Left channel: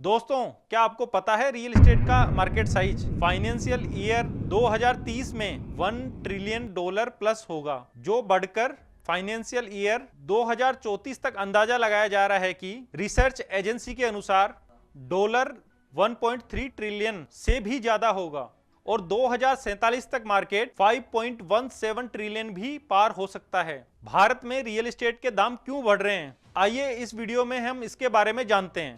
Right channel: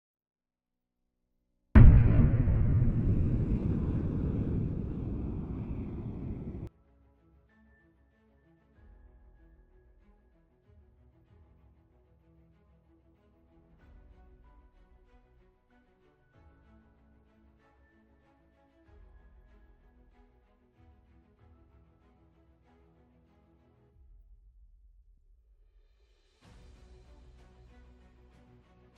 दोस्तों, क्या आपको पता है रियल एस्टेट का मार्केट साइज फाइनेंशियल ईयर 2030 में $1 ट्रिलियन प्लस होगा, जो बढ़कर फाइनेंशियल ईयर 2034 तक अंदाजा लगाया जा रहा है कि रिसर्च एजेंसी के अनुसार डॉलर 1.3 ट्रिलियन से भी ज्यादा होगा और 2047 तक मार्केट 5.17 ट्रिलियन भी पार हो सकता है। भारत में रियल एस्टेट के दाम क्यों बढ़ रहे हैं, आइए इस वीडियो में हम इसके बारे में जानते हैं।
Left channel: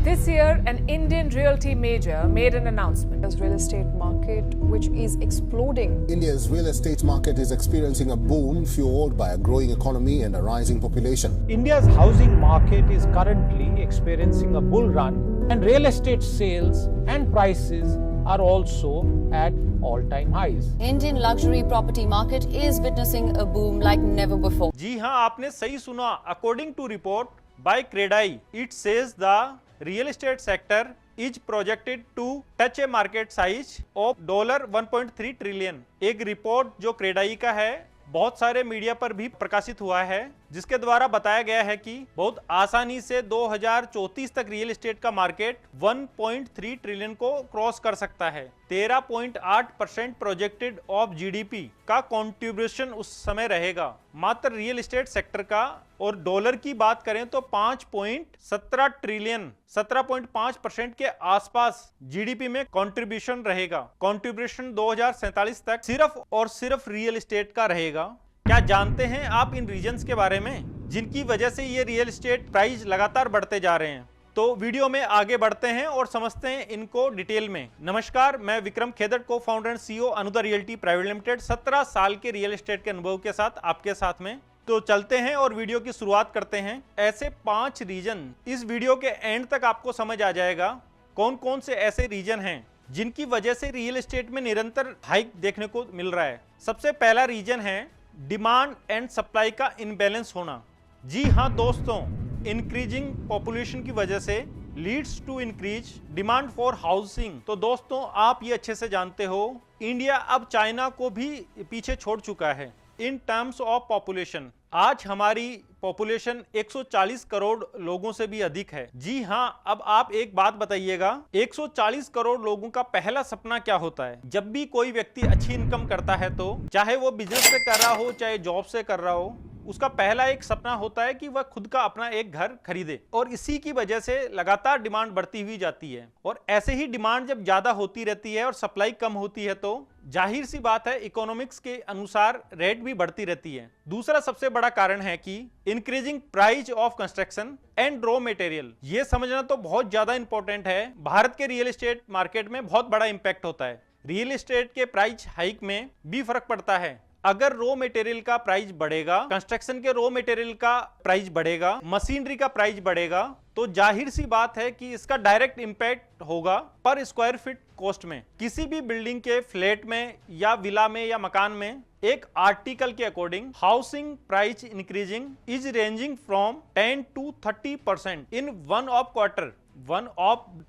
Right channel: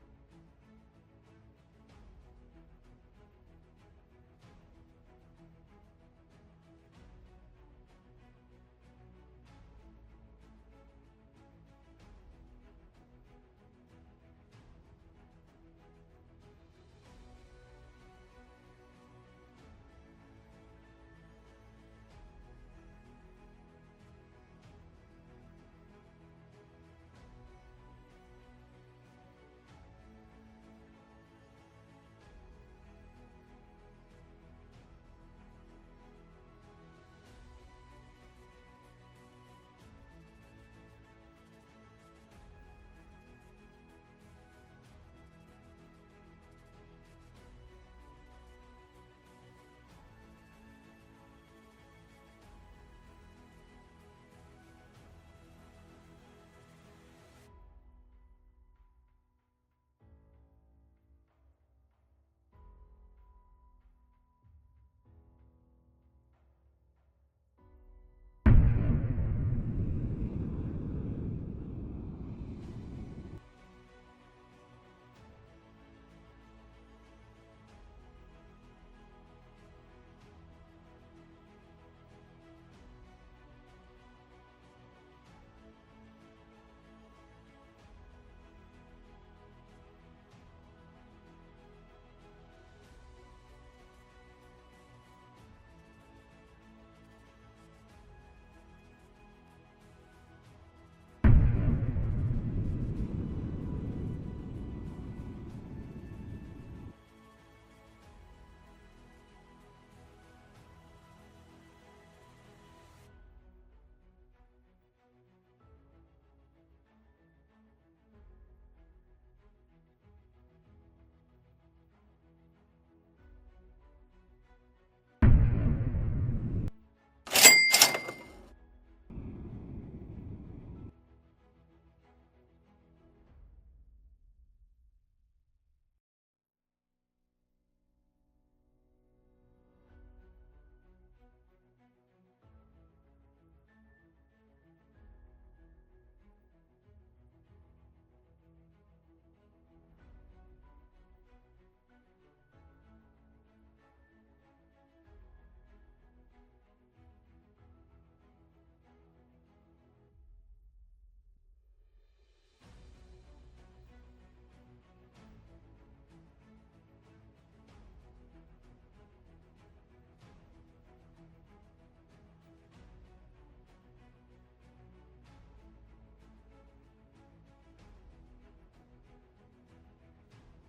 This year, an Indian realty major made an announcement. The real estate market, which is exploding. India's real estate market is experiencing a boom fueled by a growing economy and a rising population. India's housing market is currently experiencing a bull run, and real estate sales and prices are also at all-time highs. Indian luxury property market is witnessing a boom like never before. जी हां, आपने सही सुना। According to report by CREDAI, it says the real estate sector is projected to touch a market size of $1.3 trillion. एक report जो क्रेडाई का है बहुत सारे मीडिया पर भी प्रकाशित हुआ है, जिसके द्वारा बताया गया है कि बहुत आसानी से 2034 तक रियल एस्टेट का मार्केट 1.3 ट्रिलियन को क्रॉस कर सकता है। 13.8% प्रोजेक्टेड ऑफ जीडीपी का कंट्रीब्यूशन उस समय रहेगा मात्र रियल एस्टेट सेक्टर का। और डॉलर की बात करें तो 5.17 ट्रिलियन 17.5% के आसपास जीडीपी में कंट्रीब्यूशन रहेगा। कंट्रीब्यूशन 2047 तक सिर्फ और सिर्फ रियल एस्टेट का रहेगा। क्या जानते हैं आप इन रीजंस के बारे में जिनकी वजह से ये रियल एस्टेट प्राइस लगातार बढ़ते जा रहे हैं? तो वीडियो में आगे बढ़ते हैं और समझते हैं इनको डिटेल में। नमस्कार, मैं Vikram Khedar, cofounder and CEO Anuda realty private limited. 17 साल के रियल एस्टेट के अनुभव के साथ आपके साथ में। तो चलते हैं और वीडियो की शुरुआत करते हैं। ऐसे 5 रीजन, इस वीडियो के एंड तक आपको समझ आ जाएगा कौन कौन से ऐसे रीजन हैं जिनकी वजह से रियल एस्टेट में निरंतर हाइक देखने को मिल रहा है। सबसे पहला रीजन है डिमांड एंड सप्लाई का इनबैलेंस होना। जी हाँ दोस्तों, इंक्रीजिंग पॉपुलेशन की वजह से leads to increase demand for housing. तो दोस्तों, आप ये अच्छे से जानते हो, इंडिया अब चाइना को भी पीछे छोड़ चुका है इन टर्म्स ऑफ पॉपुलेशन। आज हमारी पॉपुलेशन 140 करोड़ लोगों से भी अधिक है। जी हाँ, अब आप एक बात बताइएगा, 140 करोड़ लोगों का पहला सपना क्या होता है? जब भी कोई व्यक्ति अच्छी इनकम करता है, तो चाहे वो बिजनेस से कर रहा हो चाहे जॉब से कर रहा हो, उसका पहला एक सपना होता है कि वह खुद का अपना एक घर खरीदे। और इसी की वजह से लगातार डिमांड बढ़ती हुई जाती है। और ऐसे ही डिमांड जब ज्यादा होती रहती है और सप्लाई कम होती है, तो जाहिर सी बात है इकोनॉमिक्स के अनुसार रेट भी बढ़ती रहती है। दूसरा सबसे बड़ा कारण है कि increasing price of construction and raw material. ये समझना तो बहुत ज्यादा इंपॉर्टेंट है। भारत के रियल एस्टेट मार्केट में बहुत बड़ा इंपैक्ट होता है। रियल एस्टेट के प्राइस हाइक में भी फर्क पड़ता है। अगर रॉ मटेरियल का प्राइस बढ़ेगा, कंस्ट्रक्शन के रॉ मटेरियल का प्राइस बढ़ेगा, मशीनरी का प्राइस बढ़ेगा, तो जाहिर सी बात है कि इसका डायरेक्ट इंपैक्ट होगा पर स्क्वायर फीट कॉस्ट में। किसी भी बिल्डिंग के फ्लैट में या विला में या मकान में एक आर्टिकल के according housing price increasing is ranging from 10 to 30% in one of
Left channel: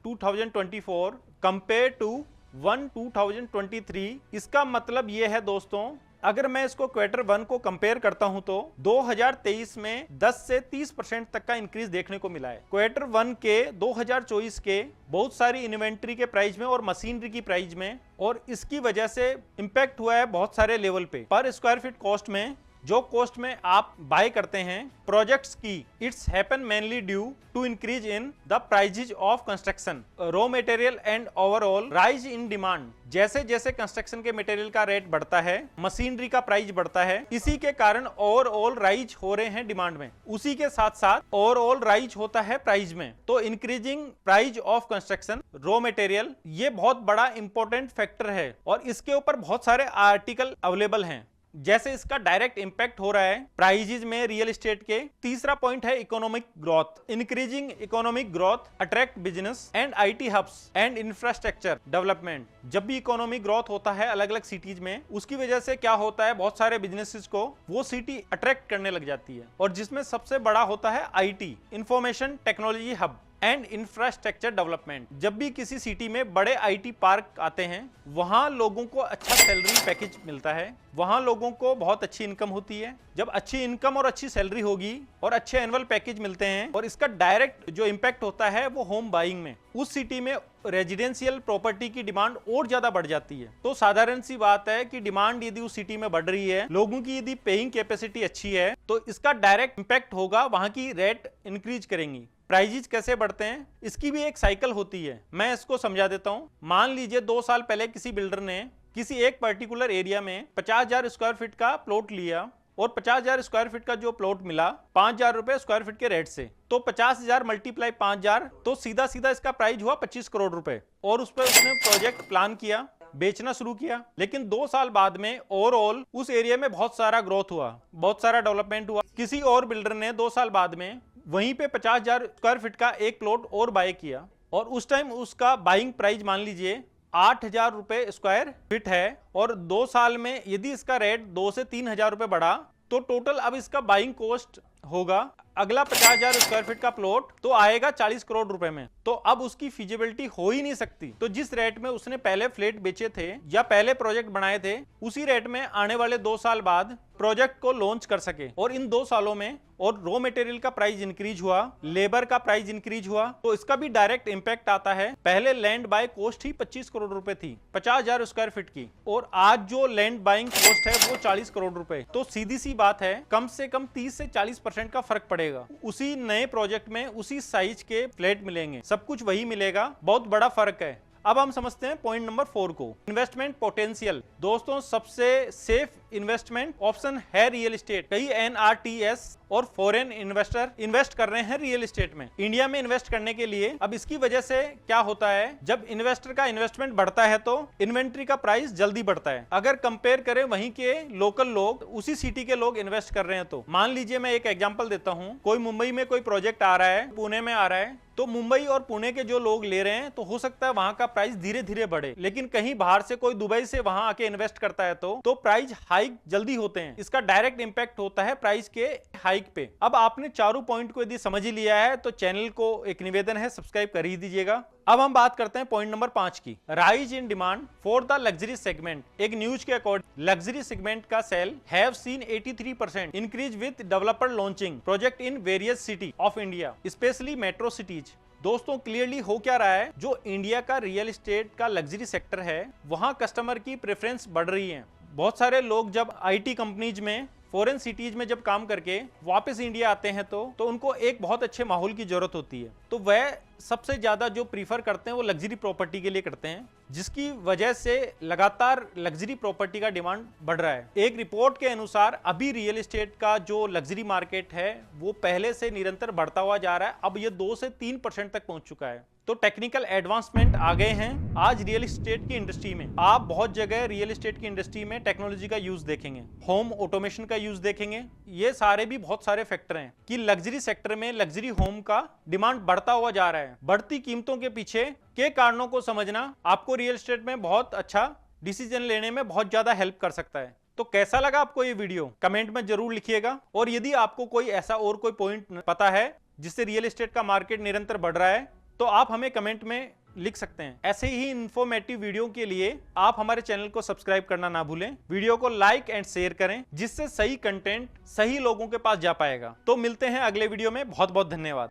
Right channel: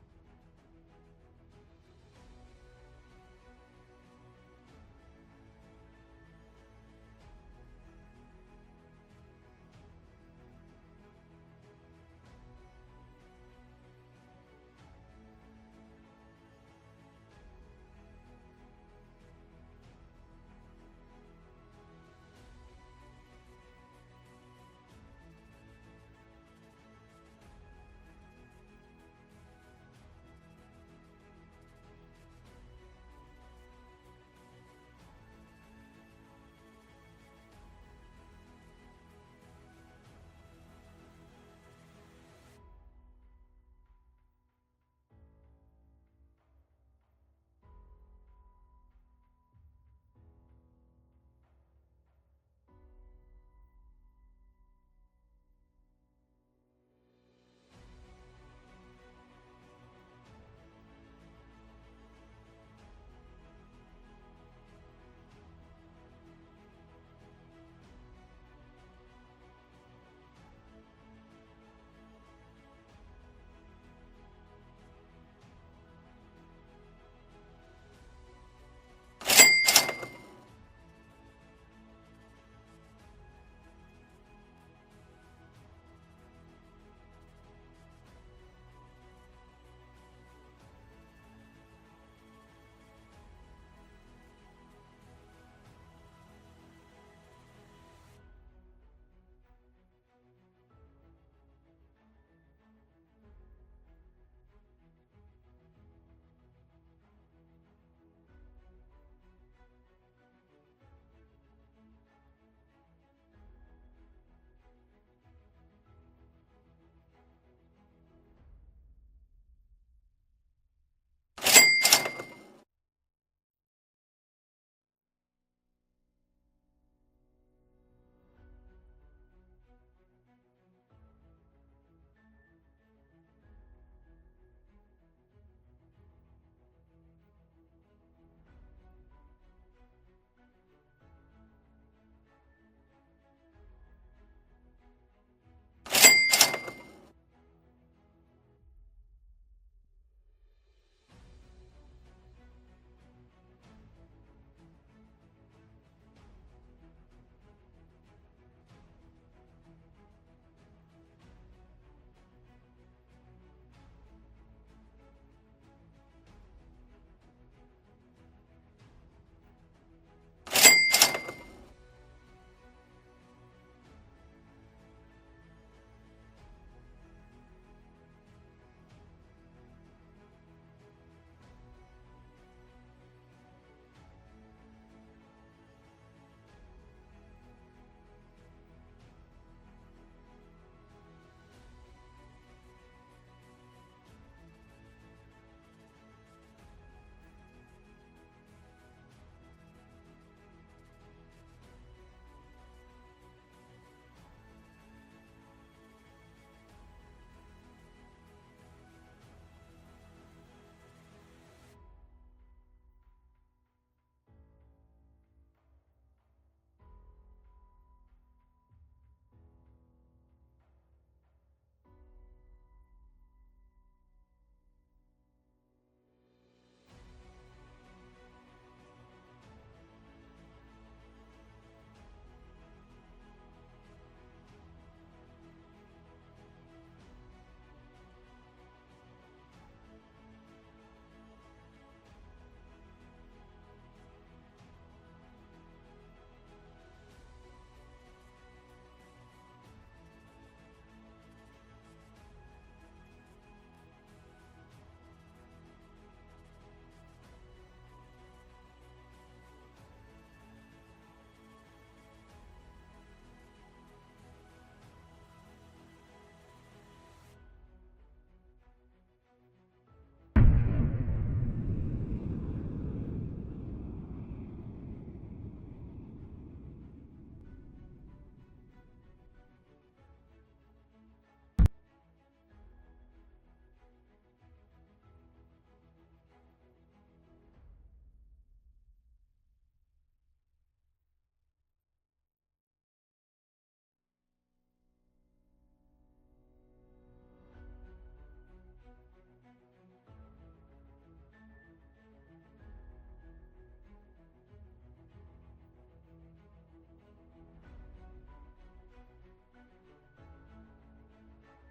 2024 compare to 2023। इसका मतलब यह है दोस्तों, अगर मैं इसको क्वार्टर 1 को कंपेयर करता हूं तो 2023 में 10 से 30% तक का इंक्रीज देखने को मिला है। क्वार्टर 1 के 2024 के बहुत सारी इन्वेंट्री के प्राइस में और मशीनरी की प्राइस में, और इसकी वजह से इंपैक्ट हुआ है बहुत सारे लेवल पे। पर स्क्वायर फीट कॉस्ट में, जो कॉस्ट में आप बाय करते हैं प्रोजेक्ट्स की, it's happen mainly due to increase in the prices of construction, raw material and overall rise in demand. जैसे जैसे कंस्ट्रक्शन के मटेरियल का रेट बढ़ता है, मशीनरी का प्राइस बढ़ता है, इसी के कारण ओवरऑल राइज हो रहे हैं डिमांड में। उसी के साथ साथ ओवरऑल राइज होता है प्राइस में। तो increasing price of construction, raw material, ये बहुत बड़ा इंपॉर्टेंट फैक्टर है और इसके ऊपर बहुत सारे आर्टिकल अवेलेबल हैं। जैसे इसका डायरेक्ट इंपैक्ट हो रहा है प्राइजेज में रियल एस्टेट के। तीसरा पॉइंट है economic growth. Increasing economic growth attract business and IT hubs and infrastructure development. जब भी इकोनॉमिक ग्रोथ होता है अलग अलग सिटीज में, उसकी वजह से क्या होता है, बहुत सारे बिजनेसेस को वो सिटी अट्रैक्ट करने लग जाती है, और जिसमें सबसे बड़ा होता है IT, information technology hub. And infrastructure development. जब भी किसी सिटी में बड़े आईटी पार्क आते हैं, वहां लोगों को अच्छा सैलरी पैकेज मिलता है, वहां लोगों को बहुत अच्छी इनकम होती है। जब अच्छी इनकम और अच्छी सैलरी होगी और अच्छे एनुअल पैकेज मिलते हैं, और इसका डायरेक्ट जो इम्पैक्ट होता है वो होम बाइंग में, उस सिटी में रेजिडेंशियल प्रॉपर्टी की डिमांड और ज्यादा बढ़ जाती है। तो साधारण सी बात है कि डिमांड यदि उस सिटी में बढ़ रही है, लोगों की यदि पेइंग कैपेसिटी अच्छी है, तो इसका डायरेक्ट इम्पैक्ट होगा, वहां की रेट इंक्रीज करेंगी। प्राइजेस कैसे बढ़ते हैं, इसकी भी एक साइकिल होती है। मैं इसको समझा देता हूं। मान लीजिए 2 साल पहले किसी बिल्डर ने किसी एक पर्टिकुलर एरिया में 50,000 स्क्वायर फीट का प्लॉट लिया, और 50,000 स्क्वायर फीट का जो प्लॉट मिला 5,000 रुपए स्क्वायर फीट के रेट से, तो 50,000 मल्टीप्लाई 5,000, तो सीधा सीधा इसका प्राइस हुआ 25 करोड़ रुपए। और उस पर उसने प्रोजेक्ट प्लान किया, बेचना शुरू किया। लेकिन 2 साल बाद में ओवरऑल उस एरिया में बहुत सारा ग्रोथ हुआ, बहुत सारा डेवलपमेंट हुआ। किसी और बिल्डर ने 2 साल बाद में वहीं पे 50,000 स्क्वायर फीट का एक प्लॉट और बाय किया, और उस टाइम उसका बाइंग प्राइस मान लीजिए 8,000 रुपए स्क्वायर फीट है, और 2 साल में यदि इसका रेट 2 से 3,000 रुपए बढ़ा, तो टोटल अब इसका बाइंग कॉस्ट होगा, अगला 50,000 स्क्वायर फीट का प्लॉट तो आएगा 40 करोड़ रुपए में। तो अब उसकी फिजिबिलिटी हो ही नहीं सकती। तो जिस रेट में उसने पहले फ्लैट बेचे थे या पहले प्रोजेक्ट बनाए थे, उसी रेट में आने वाले 2 साल बाद प्रोजेक्ट को लॉन्च कर सके। और इन 2 सालों में और रॉ मटेरियल का प्राइस इंक्रीज हुआ, लेबर का प्राइस इंक्रीज हुआ, तो इसका भी डायरेक्ट इंपैक्ट आता है। पहले लैंड बाय कॉस्ट ही 25 करोड़ रुपए थी 50,000 स्क्वायर फीट की, और आज जो लैंड बाइंग कॉस्ट है वो 40 करोड़ रुपए। तो सीधी सी बात है, कम से कम 30 से 40% का फर्क पड़ेगा। उसी नए प्रोजेक्ट में उसी साइज के फ्लैट मिलेंगे, सब कुछ वही मिलेगा, बहुत बड़ा फर्क है। अब हम समझते हैं पॉइंट नंबर 4 को, इन्वेस्टमेंट पोटेंशियल। दोस्तों, सबसे सेफ इन्वेस्टमेंट ऑप्शन है रियल एस्टेट। कई NRTS और फॉरेन इन्वेस्टर इन्वेस्ट कर रहे हैं रियल एस्टेट में, इंडिया में इन्वेस्ट करने के लिए। अब इसकी वजह से क्या होता है, जब इन्वेस्टर का इन्वेस्टमेंट बढ़ता है तो इन्वेंट्री का प्राइस जल्दी बढ़ता है। अगर कंपेयर करें वहीं के लोकल लोग, उसी सिटी के लोग इन्वेस्ट कर रहे हैं, तो मान लीजिए मैं एक एग्जांपल देता हूं, कोई मुंबई में कोई प्रोजेक्ट आ रहा है, पुणे में आ रहा है, तो मुंबई और पुणे के जो लोग ले रहे हैं, तो हो सकता है वहां का प्राइस धीरे धीरे बढ़े। लेकिन कहीं बाहर से कोई दुबई से वहां आके इन्वेस्ट करता है तो प्राइस हाइक जल्दी होते हैं। इसका डायरेक्ट इंपैक्ट होता है प्राइस के हाइक पे। अब आपने चारों पॉइंट को यदि समझ ही लिया है, तो चैनल को एक निवेदन है, सब्सक्राइब कर ही दीजिएगा। अब हम बात करते हैं पॉइंट नंबर 5 की, rise in demand for the luxury segment. एक न्यूज के अकॉर्डिंग लग्जरी सेगमेंट का sale have seen 83% increase with developer launching project in various city of India, specially metro cities. दोस्तों, क्लियरली हो क्या रहा है, जो इंडिया का रियल एस्टेट का लग्जरी सेक्टर है, वहां कस्टमर की प्रेफरेंस बढ़ रही है। बहुत सारे लोग जब आईटी कंपनीज में, फॉरेन सिटीज में जब काम करके वापस इंडिया आते हैं, तो उनको एक बहुत अच्छे माहौल की जरूरत होती है। तो वह सबसे ज्यादा जो प्रीफर करते हैं वो लग्जरी प्रॉपर्टी के लिए करते हैं, जिसकी वजह से लगातार लग्जरी प्रॉपर्टी का डिमांड बढ़ रहा है। एक रिपोर्ट के अनुसार अभी रियल एस्टेट का जो लग्जरी मार्केट है वो पहले से निरंतर बढ़ता हुआ जा रहा है, अब ये 2 से 3% तक पहुंच चुका है। तो टेक्निकल एडवांसमेंट आ गए हैं आज रियल एस्टेट की इंडस्ट्री में। आप बहुत जगह रियल एस्टेट की इंडस्ट्री में टेक्नोलॉजी का यूज देखेंगे, होम ऑटोमेशन का यूज देखेंगे। ये सारे भी बहुत सारे फैक्टर हैं कि लग्जरी सेक्टर में लग्जरी होम का डिमांड बढ़ता हुआ जा रहा है। बढ़ती कीमतों के पीछे के कारणों को समझना आपको रियल एस्टेट में बहुत अच्छा डिसीजन लेने में बहुत ज्यादा हेल्प कर सकता है। तो कैसा लगा आपको ये वीडियो, कमेंट में जरूर लिखिएगा। और यदि आपको कोई ऐसा और कोई पॉइंट पता है जिससे रियल एस्टेट का मार्केट निरंतर बढ़ रहा है, तो आप हमें कमेंट में लिख सकते हैं। ऐसे ही इंफॉर्मेटिव वीडियो के लिए आप हमारे चैनल को सब्सक्राइब करना ना भूलें, वीडियो को लाइक एंड शेयर करें, जिससे सही कंटेंट सही लोगों के पास जा पाएगा। तो मिलते हैं अगले वीडियो में, बहुत बहुत धन्यवाद।